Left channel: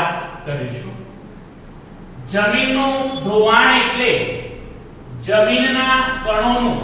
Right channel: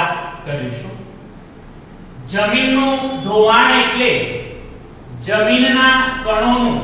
વાત કરીશું। જમીનનું ધોવાણ એટલે જમીનના કણોનું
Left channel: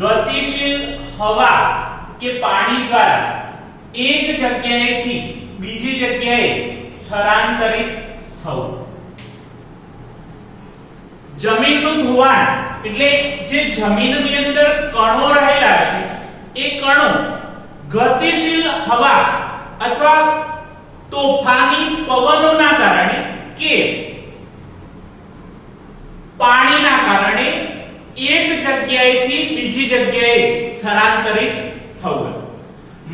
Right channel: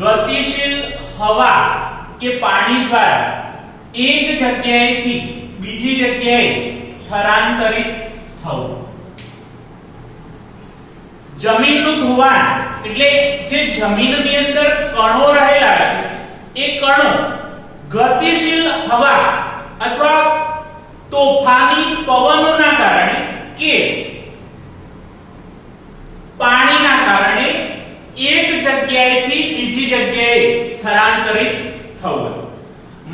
ગતિશીલ હવા કે પાણી દ્વારા એક જગ્યાએથી બીજી જગ્યાએ સ્થળાંતરિત થવું। જમીનનું ધોવાણ એટલે જે જમીનની અંદર કણો રહેલા છે એ કણો ગતિશીલ હવા અથવા તોફાની પવનોના કારણે કે પાણીના કારણે એક જગ્યાએથી બીજી જગ્યાએ સ્થળાંતરિત થવું।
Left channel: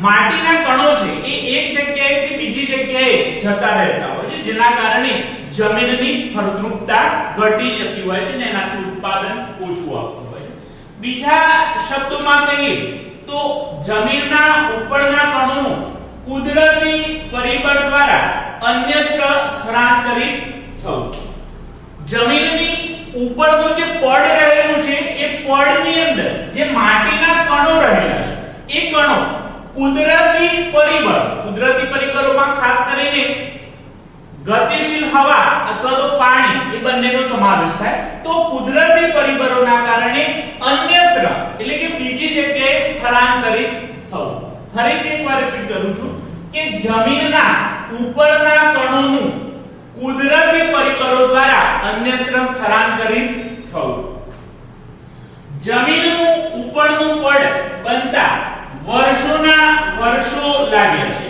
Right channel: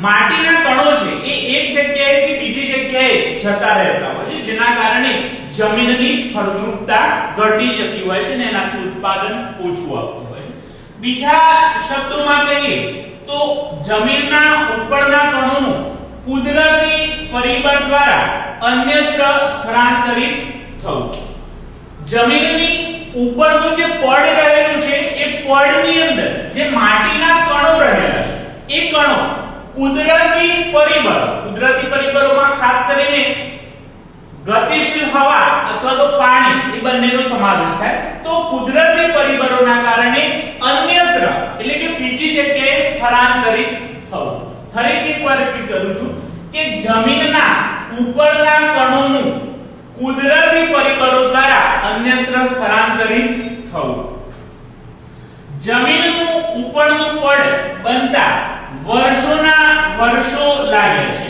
માટીના કણો છે એ એક જગ્યાએથી બીજી જગ્યાએ જતા રહેતા હોય છે, જેના કારણે જમીનની ફળદ્રુપતા ઘટી જતી હોય છે અને એનાથી ઉત્પાદન ઓછું આવતું હોય છે। બીજા શબ્દોમાં કહીએ તો જમીનના ઉપરના કણોનું કુદરતી પરિબળ દ્વારા અન્યત્ર સ્થળાંતરિત થવું। જમીનની ઉપરનું જે પડ રહેલું છે એ પડની અંદર જે માટીના કણો રહેલા છે એ કણો કુદરતી પરિબળોમાં ખાસ કરીને ગતિશીલ હવા અથવા તો પાણી એ બંનેનો સમાવેશ થાય। તો કુદરતી પરિબળોના કારણે અન્યત્ર એટલે કે બીજી જગ્યાએ સ્થળાંતરિત થવું। ફરીથી એકવાર રિપીટ કરું છું કે જમીનના ઉપરના કણોનું કુદરતી પરિબળો દ્વારા અન્યત્ર સ્થળાંતરિત થવું। જમીનનું ઉપરનું પડ બનતા વર્ષોના વર્ષો લાગે છે।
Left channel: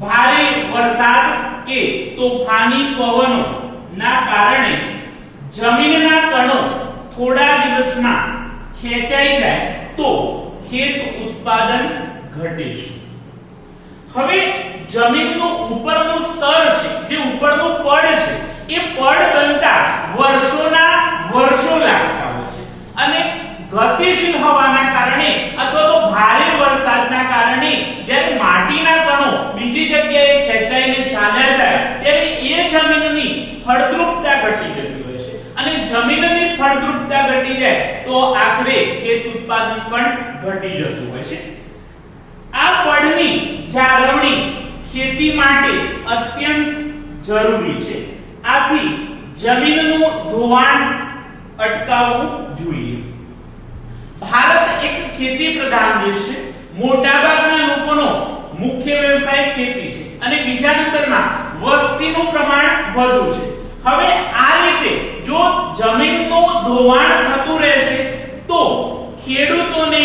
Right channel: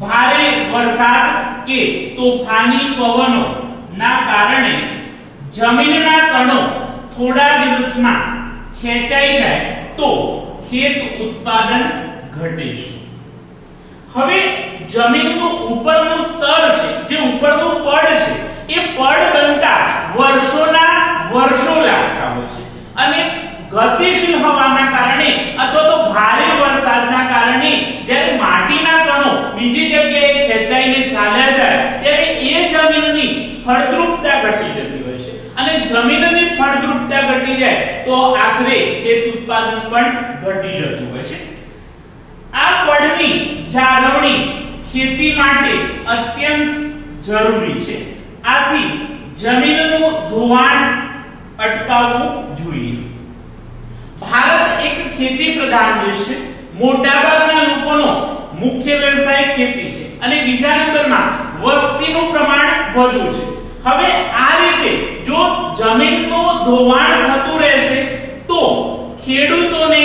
ભારે વરસાદ કે તોફાની પવનો ના કારણે જમીનના કણો થોડા દિવસમાં ખેંચાઈ જાય તો ખેત ઉત્પાદન ઘટે છે। હવે જમીનનું ઉપરનું સ્તર છે, જે ઉપરનું પડ છે, એ પડ બનતા વર્ષોના વર્ષો લાગતા હોય છે અને ગતિશીલ હવાના કારણે અથવા તો ભારે વરસાદના કારણે જ્યારે માટીના કણો બીજી જગ્યાએ ખેંચાઈને ચાલ્યા જાય ત્યારે એ જમીનની ફળદ્રુપતા ઘટી જતી હોય છે અને જમીનની ફળદ્રુપતા ઘટી જાય તો આખરે ખેત ઉત્પાદન પણ ઘટી જતું હોય છે। આ પડની જાળવણી ખેતી માટે અત્યંત જરૂરી છે। આથી જમીનનું ધોવાણ અટકાવવું જોઈએ। ભારત એક ખેતી પ્રધાન દેશ છે। મોટાભાગના લોકોનો મુખ્ય વ્યવસાય ખેતી છે અને બીજા નંબરમાં વસ્તીનું પ્રમાણ વધુ છે। હવે આ રીતે જો જમીનનું ધોવાણ થતું રહેશે તો ખેડૂતોને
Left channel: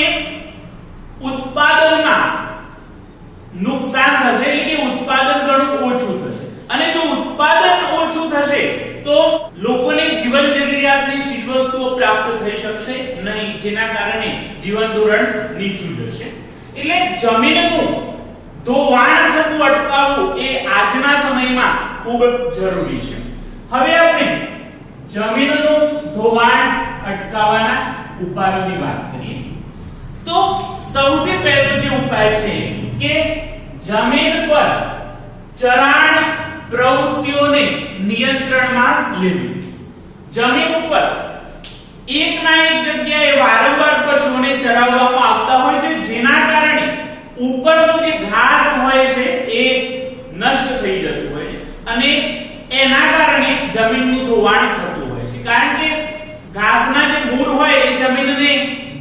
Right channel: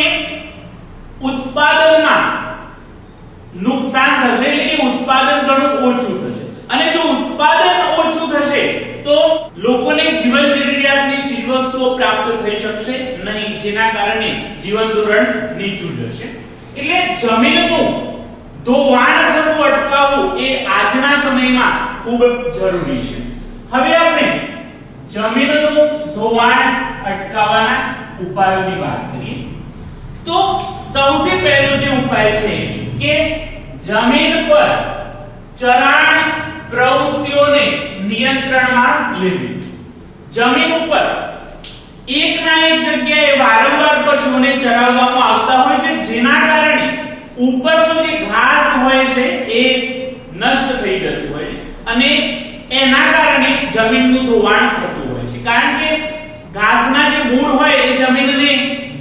ઉત્પાદનમાં નુકસાન થશે, એટલે કે ઉત્પાદન ઘણું ઓછું થશે અને જો ઉત્પાદન ઓછું થશે તો લોકોને જીવન જરૂરિયાતની ચીજવસ્તુઓ પ્રાપ્ત થઈ શકશે નહીં, જેના કારણે જીવન ધોરણ નીચું જશે। એટલે જમીનનું ધોવાણ થતું અટકાવવું એ આજના સમયમાં ખૂબ જરૂરી છે। હવે આપણે જમીનનું ધોવાણ અટકાવવાના ઉપાયોની વાત કરીએ તો સૌથી પહેલો જે ઉપાય છે કે જમીન પર ચરાણ પ્રવૃત્તિઓને નિયંત્રણમાં લેવી। જમીન ઉપર એકના એક જગ્યાએ વારંવાર પશુઓને ચરાવવામાં આવતા હોય છે, જેના કારણે ઉપરનો જે ઘાસ હોય છે એ નષ્ટ થઈ જતું હોય છે અને એના કારણે જમીનનું ધોવાણ થતું હોય છે, કારણ કે ઘાસના જે મૂળ હોય એ જમીનને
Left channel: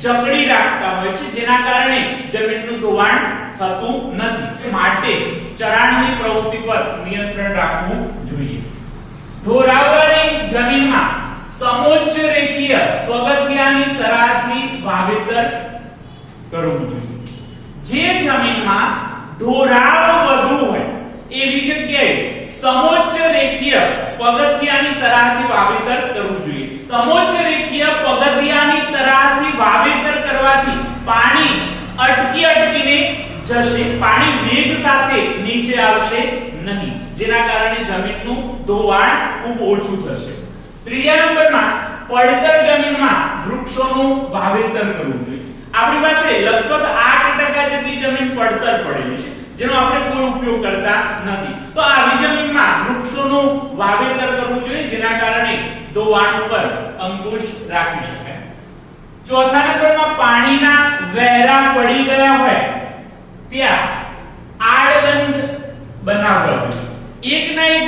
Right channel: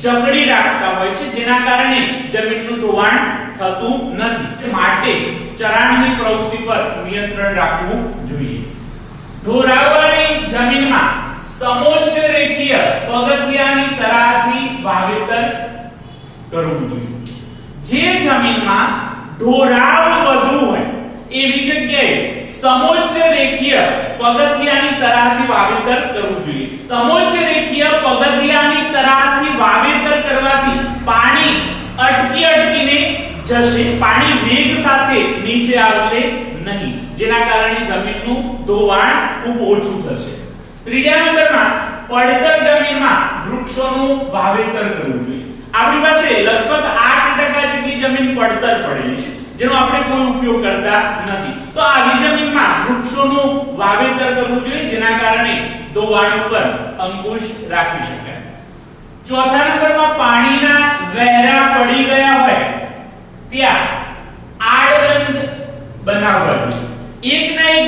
જકડી રાખતા હોય છે, જેના કારણે જમીનનું ધોવાણ થતું નથી। માટે ચરાણની પ્રવૃત્તિ પર નિયંત્રણ રાખવું જોઈએ। ઢોરાવવાળી જમીનમાં સમોચ્ચ રેખીય પગથિયાની તરાહથી વાવેતર કરવું જોઈએ। જે જમીનમાં ઢોરાવ વધુ હોય એવી જગ્યાએ સમોચ્ચ રેખીય પગથિયાની તરાહથી વાવેતર કરવું જોઈએ। સમોચ્ચ રેખીય પગથિયાની તરાહથી વાવેતર કરવાથી પાણી અટકીને જશે, પાણી વેગ સાથે નીચે આવશે નહીં, જેના કારણે જમીનનું ધોવાણ ખૂબ ઓછું થશે। ત્રીજા નંબરમાં પડતર જમીનમાં વૃક્ષોનું વાવેતર કરવું જોઈએ। આપણી પાસે લગભગ 8% જેટલી જમીન પડતર પડેલી છે, જેનો આપણે કોઈ ઉપયોગ કરતા નથી, તો આવી જમીનમાં વૃક્ષોનું વાવેતર કરવું જોઈએ, જેના કારણે ધોવાણ ઉપર અંકુશ રાખી શકાય। ચોથા નંબરમાં પાણીના વહેરા પડી ગયા હોય ત્યાં આડબંધ બનાવવા જોઈએ। એકના એક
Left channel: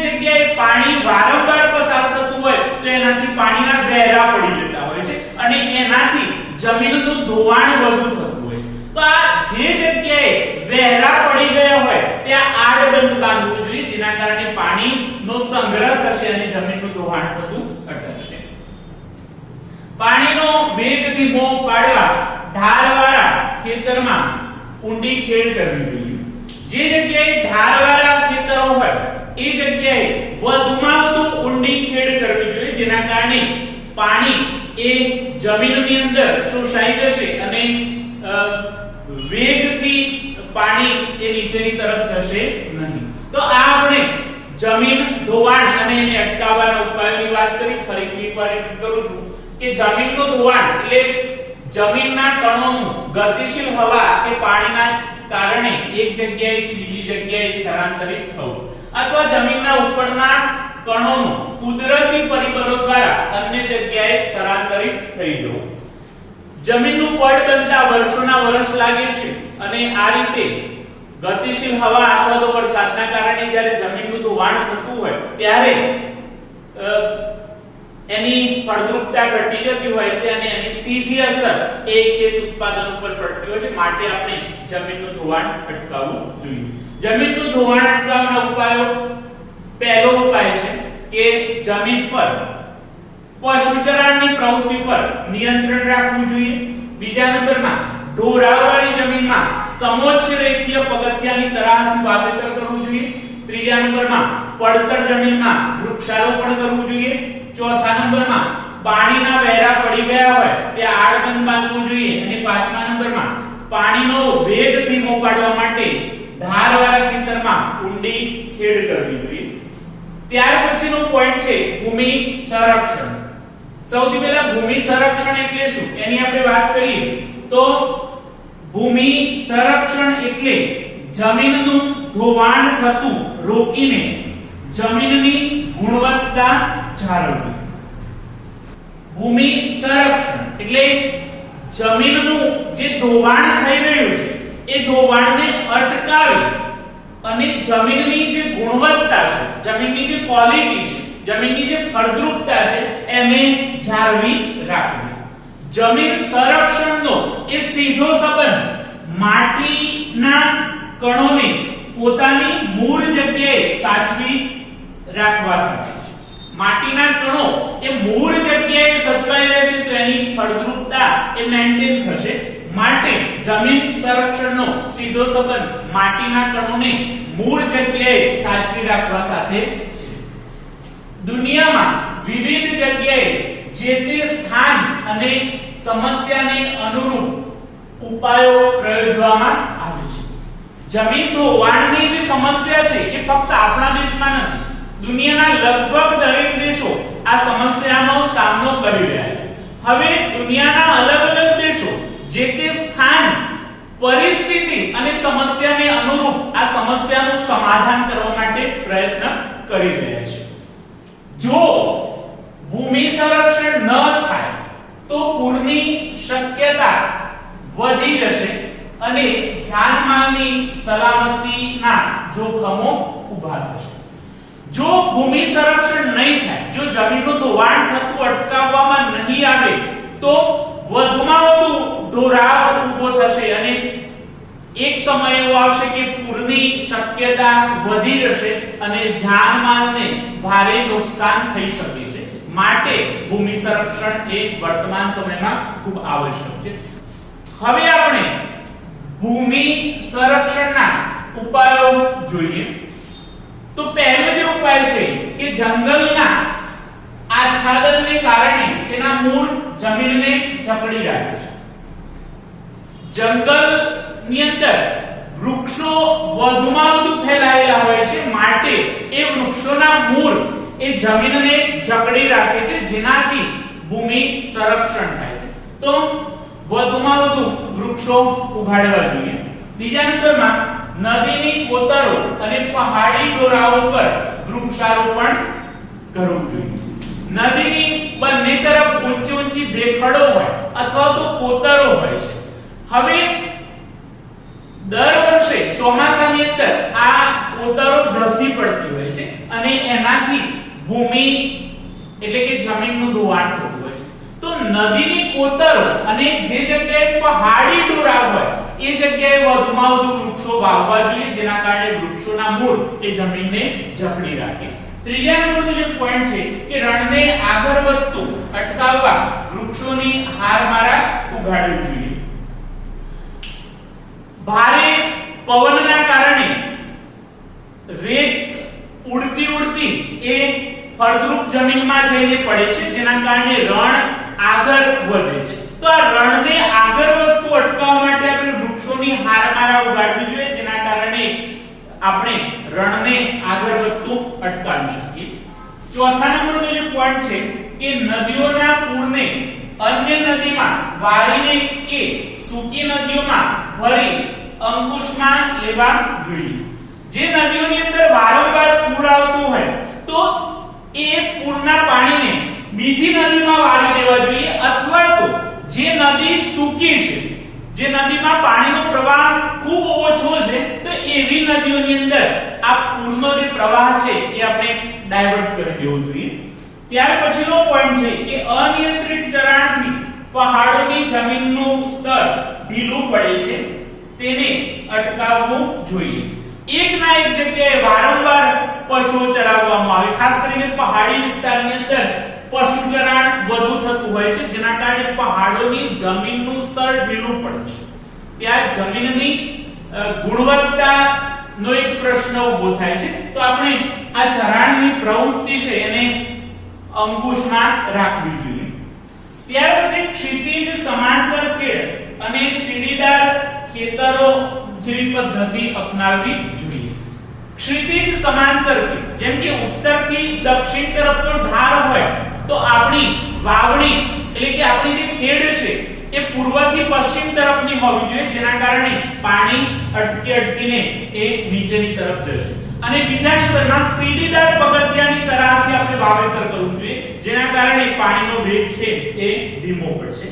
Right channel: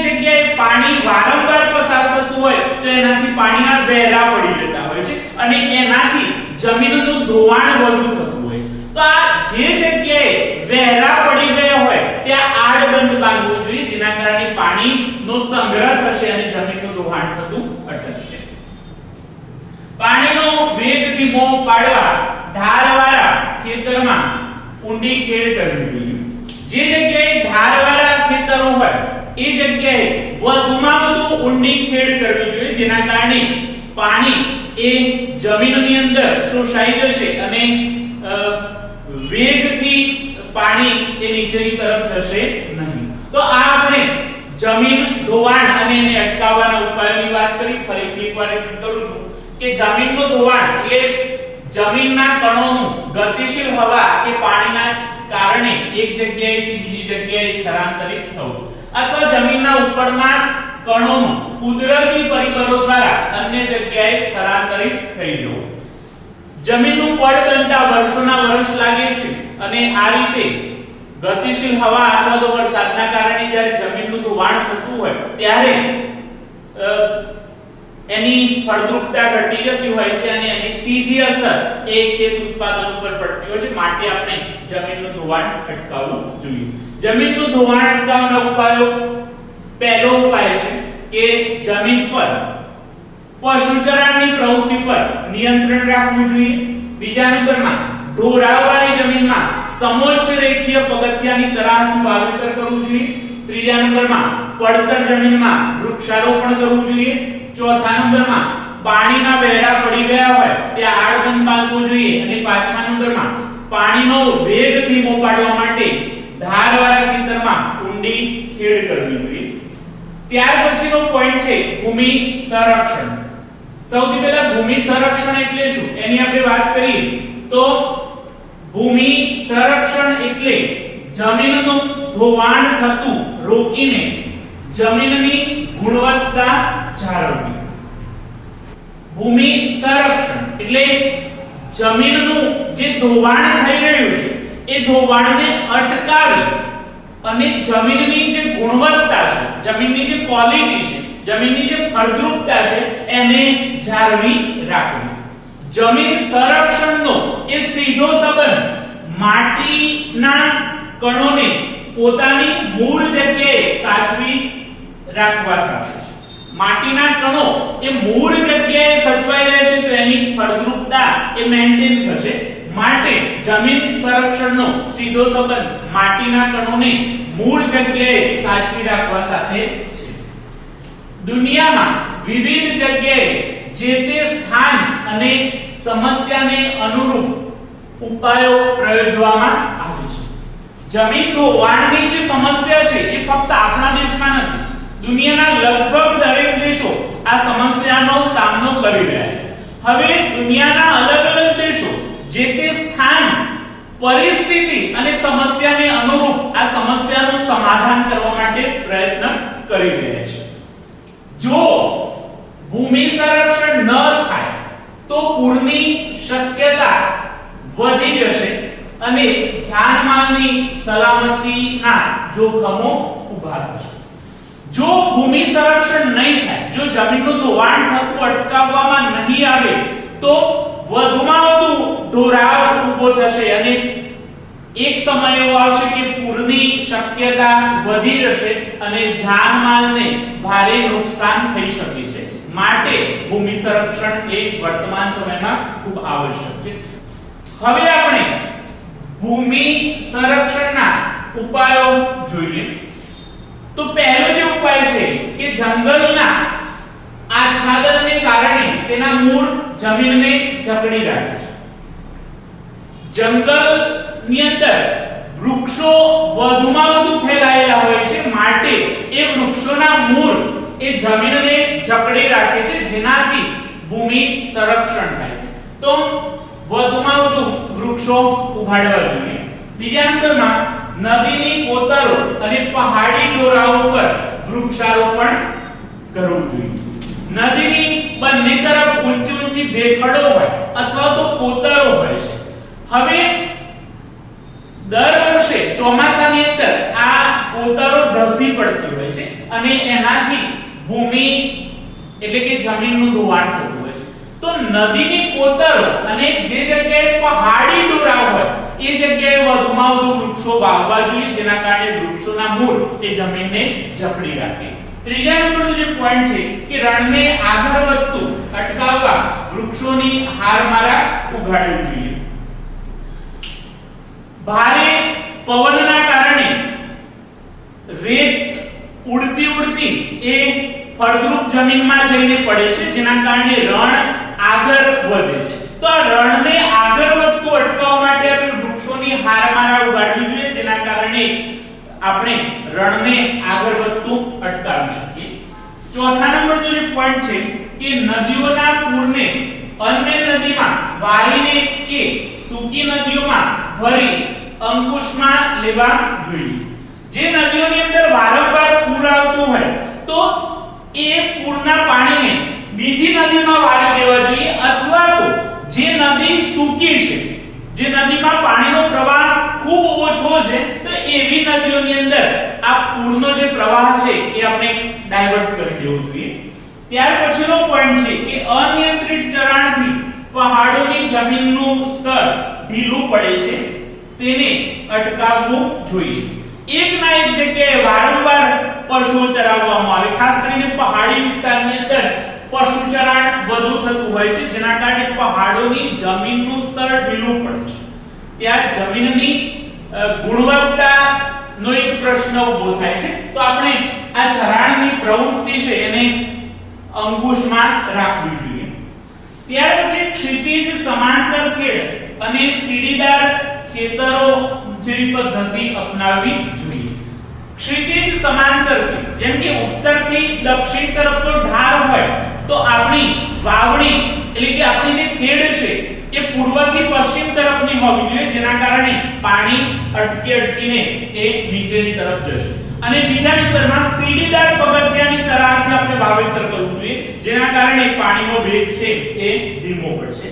પાણી વારંવાર પસાર થતું હોય તો એનાથી પાણીના વહેરા પડી જતા હોય છે અને એનાથી જમીનનું ધોવાણ વધુ થતું હોય છે. તો આ જે જગ્યાએ વહેરા પડી ગયા હોય ત્યાં આડબંધ બાંધવું જોઈએ, જેના કારણે પાણીનો સંગ્રહ થશે અને જમીનનું ધોવાણ થતું અટકશે. પાણીનો વેગ ધીમો પાડવા ઢારવાળા ખેતરમાં ઊંડી ખેડ કરવી જોઈએ. જે જગ્યાએ ઢારવાળા ખેતરો હોય એ જગ્યાએ વધુમાં વધુ ઊંડી ખેડ કરવી જોઈએ, જેના કારણે પાણી એ જમીનની અંદર શોષાઈ જશે અને વેગથી પાણી એ નીચેની તરફ જશે નહીં. તો આ આપણે જમીન ધોવાણ અને એને અટકાવવાના ઉપાયોની વાત કરી. ફરીથી રિપીટ કરું છું કે જમીનનું ધોવાણ એટલે જમીનના કણોનું ગતિશીલ હવા કે પાણીના કારણે એક જગ્યાએથી બીજી જગ્યાએ સ્થળાંતરિત થવું અથવા જમીનના ઉપરના કણોનું કુદરતી પરિબળો દ્વારા અન્ય જગ્યાએ સ્થળાંતરિત થઈ જવું. જમીનનું પડ બનતા વર્ષોના વર્ષ લાગે છે અને આ રીતે ગતિશીલ હવા અથવા તો વરસાદના કારણે જ્યારે જમીનનું ધોવાણ થતું હોય ત્યારે એની ફળદ્રુપતા ઘટી જતી હોય છે અને એની સીધી અસર એ ખેત ઉત્પાદન ઉપર પડતી હોય છે. માટે આપણે જમીનનું ધોવાણ અટકાવવું જોઈએ. જમીનનું ધોવાણ અટકાવવાના ઉપાયો, પહેલો ઉપાય છે કે જમીન પર પશુચરણની પ્રવૃત્તિ પર નિયંત્રણ રાખવું જોઈએ. બીજા નંબરમાં ઢોરાવવાળી જમીનમાં સમોચ્ચ રેખીય પગથિયાની તરાહનું વાવેતર કરવું જોઈએ. ત્રીજા નંબરમાં પડતર જમીનમાં વૃક્ષારોપણ કરવું જોઈએ. ચોથા નંબરમાં પાણીના વહેરા પડી ગયા હોય ત્યાં આડબંધ બાંધવું જોઈએ અને પાંચમા નંબરમાં પાણીનો વેગ ધીમો પાડવા માટે ધારવાળા ખેતરમાં ઊંડી ખેડ કરવી જોઈએ. ત્યાર પછીનો પોઈન્ટ છે ભૂમિ સંરક્ષણ. સૌથી પહેલા ભૂમિ સંરક્ષણ એટલે શું એની આપણે વાત કરીએ તો ભૂમિ સંરક્ષણ એટલે જમીનનું ધોવાણ થતું રોકીને જમીનની ગુણવત્તા જાળવવી. ભૂમિ સંરક્ષણ એટલે જમીનનું જે ધોવાણ થઈ રહ્યું છે એ ધોવાણને અટકાવી અને જમીનની જે ગુણવત્તા છે, જમીનની જે ક્વોલિટી છે, જમીનની જે ફળદ્રુપતા છે એને જાળવી રાખવી. જમીન સંરક્ષણનો એ સીધો સંબંધ માટીના કણોને પોતાની મૂળ જગ્યાએ સાચવી રાખવા સાથે છે. માટીના કણો એ મૂળ જગ્યાએ સચવાઈ રહેશે તો એની ફળદ્રુપતા એ મેન્ટેન થશે. માટે જમીન સંરક્ષણનો સીધો સંબંધ માટીના કણોને મૂળ જગ્યાએ સાચવી રાખવા સાથે છે. દુનિયામાં વિવિધ જગ્યાએ જે તે સ્થાન અને સમસ્યાને અનુરૂપ ઉપાયો પ્રયોજવામાં આવે છે. જમીન ધોવાણની જે સમસ્યા છે એ ફક્ત આપણા દેશમાં નથી, દુનિયાના લગભગ દરેક દેશો આ સમસ્યાનો સામનો કરી રહ્યા છે. હવે દુનિયાના અલગ અલગ દેશો જે તે સ્થાન, પરિસ્થિતિ અને સમસ્યાને અનુરૂપ આ સમસ્યાનું સમાધાન કરવા માટે પ્રયત્ન કરી રહ્યા છે. જો ભૂમિ સંરક્ષણ ન થાય તો પૂરની શક્યતા વધી જશે અને જાનમાલની સલામતીના જોખમો ઊભા થશે. જો ભૂમિ સંરક્ષણ નહીં થાય, જો જમીનનું ધોવાણ થતું અટકાવવામાં નહીં આવે તો વધુમાં વધુ ઢોરાવ ઊભો થશે અને એક સમય એવો આવશે કે પૂરની શક્યતા વધી જશે અને જાનમાલને ભારે નુકસાન થઈ શકે છે. માટે ભૂમિ સંરક્ષણ એ વર્તમાન સમયમાં ખૂબ આવશ્યક છે. હવે આપણે ભૂમિ સંરક્ષણના ઉપાયો જોઈએ. તો પહેલો જે ઉપાય છે કે જંગલના આચ્છાદનને કારણે તેના મૂળ જમીનને જકડી રાખે છે. જંગલની અંદર વૃક્ષો વધુમાં વધુ ફેલાયેલા હોય છે, માટે એ વૃક્ષોના મૂળ એ જમીનને જકડી રાખે છે, જેનાથી ભૂમિ સંરક્ષણ થાય છે. તો વધુમાં વધુ વૃક્ષો ઉગાડવા જોઈએ. બીજા નંબરમાં નદીની કોતરો અને પહાડી ડોરાઓ પર વૃક્ષારોપણ કરવું જોઈએ. નદીની બંને તરફ ઊંચી ઊંચી ભેખડો હોય અથવા તો કોતરો હોય છે. હવે દર વર્ષે ચોમાસાની અંદર આ કોતરો ધસી પડતી હોય છે અને એનાથી ભૂમિ એટલે કે જમીનનું ધોવાણ થતું હોય છે. તો નદીની કોતરો અને જે જગ્યાએ પહાડી ડોરાવ હોય એ જગ્યાએ વધુમાં વધુ વૃક્ષો વાવવા જોઈએ, જેના કારણે વૃક્ષોના મૂળ એ જમીનને જકડી રાખે. ત્રીજા નંબરનો જે પોઈન્ટ છે કે રણને આગળ વધતું અટકાવવા વૃક્ષોની હારમાળા ઉગાડવી જોઈએ. ભારે પવનના કારણે રેત ઉડતી એ ફળદ્રુપ જમીનમાં જઈને પડે છે, જેના કારણે રણ આગળ વધે છે. તો આ રણને આગળ વધતું અટકાવવા માટે આપણે વૃક્ષોની હારમાળા ઉગાડવી જોઈએ, જેના કારણે આપણે રણને આગળ વધતું અટકાવી શકીએ. ચોથા નંબરનો જે પોઈન્ટ છે કે નદીઓના પૂરને અન્ય નદીમાં વારીને કે સૂકી નદીઓમાં ભરી અંકુશમાં લેવા જોઈએ. જે નદીઓની અંદર વારંવાર પૂર આવતું હોય તો એ પૂરના પાણીને બીજી નદીમાં વારી દેવા જોઈએ, અથવા તો જે નદી સૂકી છે, જે નદીમાં પાણીનો પ્રવાહ ખૂબ ઓછો છે, તો એવી નદીઓની અંદર આ પૂરનો જે પ્રવાહ છે એ આપણે ડાયવર્ટ કરી દેવો જોઈએ. ત્યાર પછીનો પોઈન્ટ છે કે અનિયંત્રિત ચરાણથી પહાડોની જમીનનું સ્તર ઢીલું પડે છે, તેને અટકાવવું જોઈએ. એક ના એક જગ્યાએ વારંવાર પશુઓ ચરાવવામાં આવે, ખાસ કરીને પહાડી વિસ્તારની અંદર પશુ ચરાણ વધુ થતું હોય છે, જેના કારણે પહાડોની જમીનનું સ્તર ઢીલું પડે છે. ત્યાં જમીનની ગુણવત્તાનો એક પ્રશ્ન ઉભો થાય છે. તો આપણે આ ચરાણની પ્રવૃત્તિ છે એને અંકુશમાં રાખવી જોઈએ. ત્યાર પછી ક્ષિતિજ સમાંતર ખેડ અને સીડીદાર ખેતરો જેવી પદ્ધતિ અપનાવવી જોઈએ. ક્ષિતિજ સમાંતર ખેડ, જેમ કે ઉત્તરથી દક્ષિણ તરફનો ઢાળ હોય તો આપણી વાવણી એટલે કે આપણી જે ખેડ છે એ પૂર્વથી પશ્ચિમ તરફની હોવી જોઈએ, જેના કારણે પાણી અટકીને એ નીચેની તરફ જશે. અને બીજા નંબરમાં સીડીદાર પગથિયાની તરાવથી આપણે વાવેતર કરવું જોઈએ, જેના કારણે પાણીનો વેગ છે એ ધીમો પડશે.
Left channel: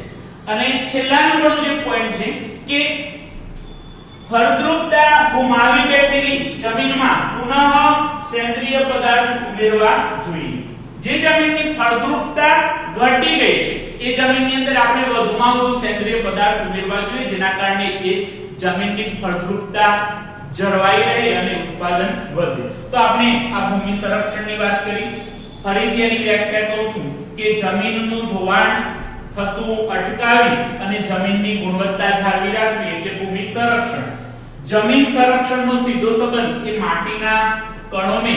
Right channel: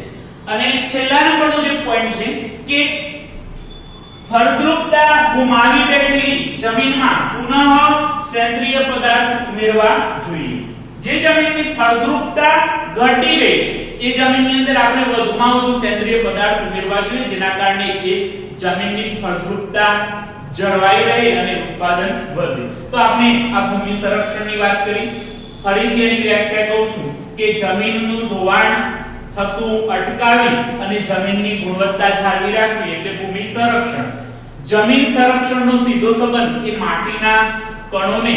અને છેલ્લા નંબરનો જે પોઈન્ટ છે કે ફળદ્રુપતા ગુમાવી બેઠેલી જમીનમાં પુનઃ સેન્દ્રિય પદાર્થ ઉમેરવા જોઈએ. જે જમીનની ફળદ્રુપતા ઘટી ગઈ છે એ જમીનની અંદર આપણે વધુમાં વધુ સેન્દ્રિય પદાર્થ ઉમેરવા જોઈએ, જેના કારણે એ જમીનની ફળદ્રુપતા જળવાઈ રહે અને ઉત્પાદન વધે. તો આપણે આ ભૂમિ સંરક્ષણની વાત કરી. ફરીથી એની વ્યાખ્યા કહું છું કે જમીનનું ધોવાણ થતું અટકાવી અને જમીનની ગુણવત્તા જાળવી રાખવી એટલે ભૂમિ સંરક્ષણ. જમીન સંરક્ષણનો સીધો સંબંધ એ માટીના કણોને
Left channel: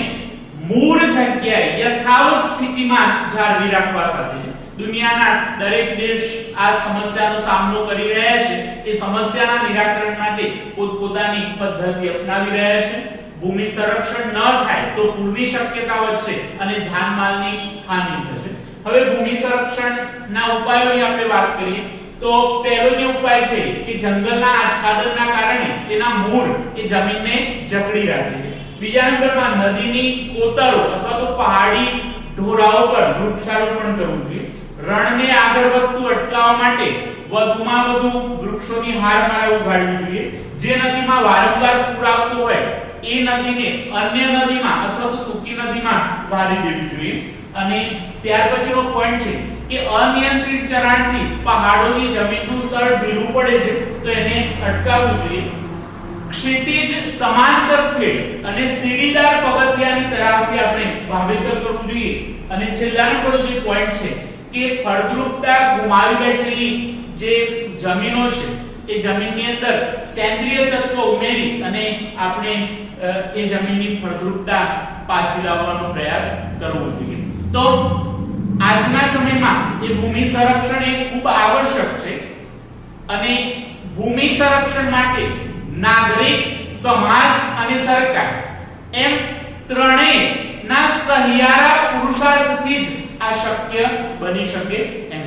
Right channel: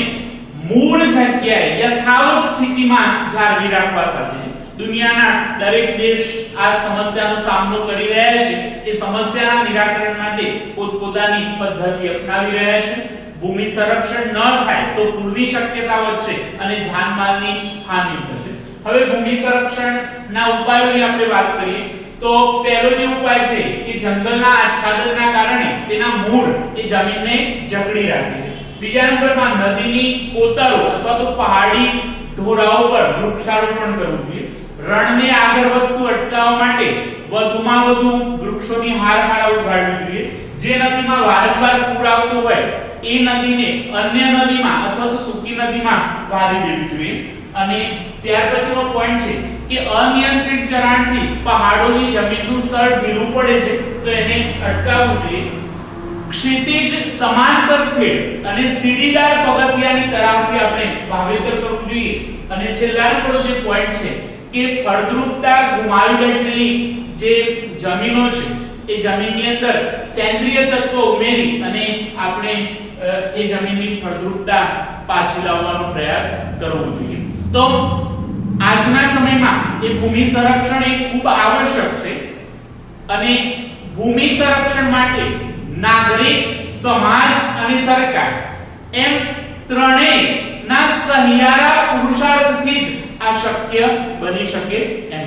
મૂળ જગ્યાએ યથાવત સ્થિતિમાં જાળવી રાખવા સાથે છે. દુનિયાના દરેક દેશ આ સમસ્યાનો સામનો કરી રહ્યા છે. એ સમસ્યાના નિરાકરણ માટે પોતપોતાની પદ્ધતિ અપનાવી રહ્યા છે. ભૂમિ સંરક્ષણ ન થાય તો પૂરની શક્યતા વધશે અને જાનમાલની હાનિ થશે. હવે ભૂમિ સંરક્ષણના ઉપાયોની આપણે વાત કરીએ તો પહેલો જે ઉપાય છે કે જંગલના આચ્છાદનના કારણે તેના મૂળ એ જમીનને જકડી રાખે છે. બીજા નંબરમાં નદીની કોતરો અથવા તો પહાડી ઢોરાઓ પર વૃક્ષારોપણ કરવું જોઈએ. રણને આગળ વધતું અટકાવવા માટે વધુમાં વધુ વૃક્ષોની હારમાળા ઉગાડવી જોઈએ. જે નદીમાં વારંવાર પૂર આવતું હોય એ નદીને અન્ય નદીમાં અથવા તો સૂકી નદીમાં વારી દેવી જોઈએ. અને ત્યાર પછીનો પોઈન્ટ છે કે અનિયંત્રિત ચરાણથી પહાડોની જમીનનું સ્તર ઢીલું પડે છે, તો એને અટકાવવું જોઈએ. ક્ષિતિજ સમાંતર ખેડ અને સીડીદાર પગથિયાની તરાવથી આપણે વાવેતર કરવું જોઈએ. અને છેલ્લા નંબરનો જે પોઈન્ટ છે કે ફળદ્રુપતા ગુમાવી બેઠેલી જે જમીનો છે એ જમીનની અંદર સેન્દ્રિય તત્વો ઉમેરી અને આપણે એ જમીનની ફળદ્રુપતા પાછી લાવવાનો પ્રયાસ કરવો જોઈએ. તો આજના સમયમાં એ ભૂમિ સંરક્ષણ એ ખૂબ આવશ્યક છે અને ભૂમિ સંરક્ષણ માટે નાગરિક, સમાજ અને સરકાર એમ ત્રણેયના સહિયારા પુરુષાર્થથી જ આ શક્ય બની શકે એમ